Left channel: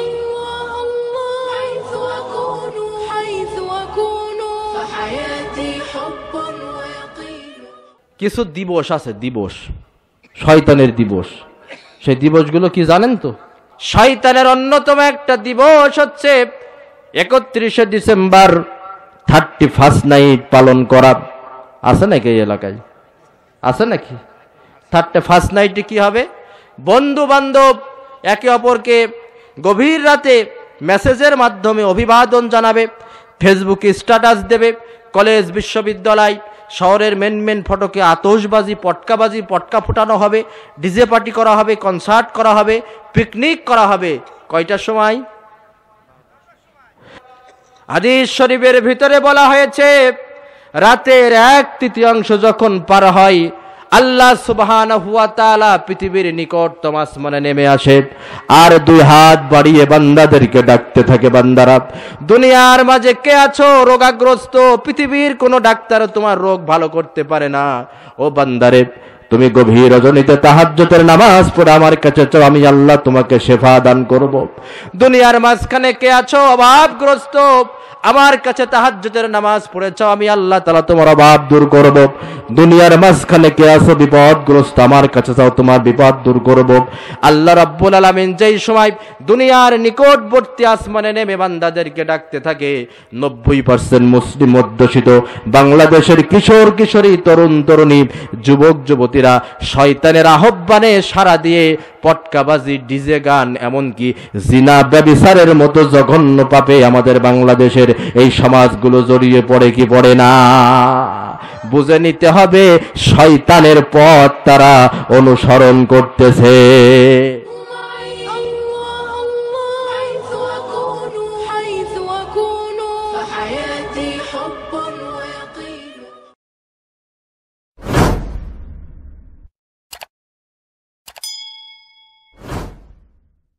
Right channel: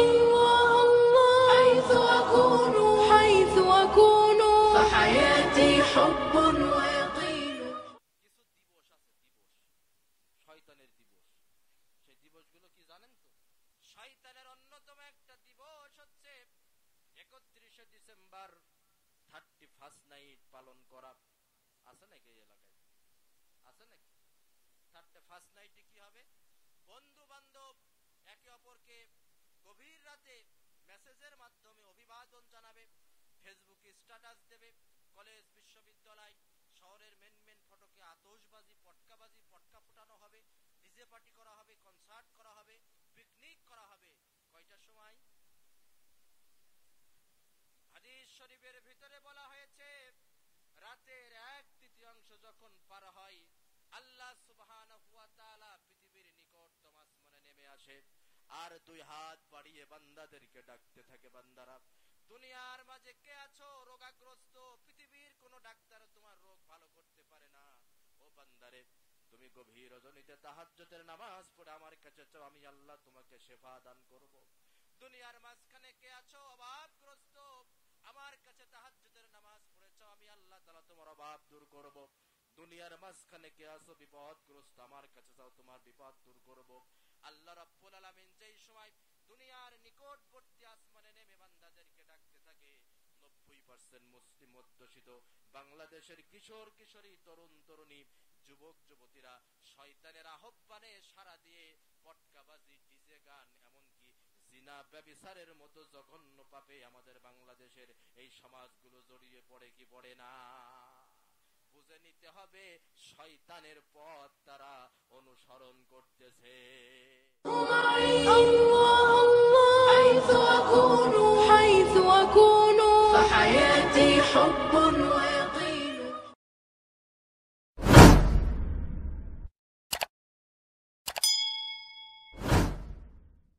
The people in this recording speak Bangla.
الله الله حيث أكون فحياتي حب ويقين কিছু দিবস আছে, দিবস শয়তানের দিবস। সেই দিবসগুলো কি জানেন তো? শয়তানের অন্যতম একটা দিবস হচ্ছে 31শে ডিসেম্বর 31st নাইট পালন করা। আছে নাকি এই এলাকায়? আছে নাকি? 31st নাইটে কি হবে? বন্ধু বান্ধব একে অপরকে গভীর রাতে মেসেজের মাধ্যমে অভিবাদন জানাবে, ফেসবুকে স্ট্যাটাস দেবে। কলেজ বিশ্ববিদ্যালয় শহরের মেন ফটকে আতশবাজি পটকা ফুটানো হবে, ডিজে পার্টি করা হবে, কনসার্ট করা হবে, পিকনিক করা হবে। কয়টার সময়? হাদিস শরীফের ভিতরে বলা হয়েছে রাতের 1/3 যখন পার হয় আল্লাহ সুবহানাহু ওয়া তাআলা পৃথিবীর নিকটতম আসমানে নেমে আসে আর 2 হাত বাড়িয়ে বান্দাদেরকে ডাকতে থাকে, বান্দারা দুনিয়ার মাঝে কে আছো রোগাগ্রস্ত? পৃথিবীর কোনো ডাক্তার তোমার রোগ ভালো করতে পারে না। ও বান্দারে, তুমি গভীর রজনীতে তাহাজ্জুদের নামাজ পড়ে আমার কাছে চাও, আমি আল্লাহ তোমাকে শেফা দান করব। দুনিয়ার মাঝখানে কে আছো অভাবগ্রস্ত? আমার কাছে তাহাজ্জুদের নামাজ পড়েছ, আমি আল্লাহ তাআলা তোমার অভাব দূর করব। দুনিয়ার মাঝখানে কে আছো বিপদগ্রস্ত? আমার কাছে চাও, তোমার বিপদ দূর করব। আল্লাহ রাব্বুল আলামিন যেই সময় দুনিয়ার নিকটবর্তী আসমানে নেমে বান্দাদেরকে ডাকতে থাকে, 90% মুসলিম অধ্যুষিত বাংলাদেশের কিশোর কিশোরী, তরুণ তরুণী, যুবক যুবতীরা শয়তানের আহ্বানে সাড়া দিয়ে পটকাবাজি, ডিজে গান, এমনকি জিনা ব্যভিচারের মতো জঘন্য পাপে আমাদের বাংলাদেশের এই সমাজগুলো জড়িয়ে পড়ে কি পড়ে না? বুঝে নিতে হবে শয়তানের পথ তারা অনুসরণ করতেছে। حيث أكون فحياتي حب ويقين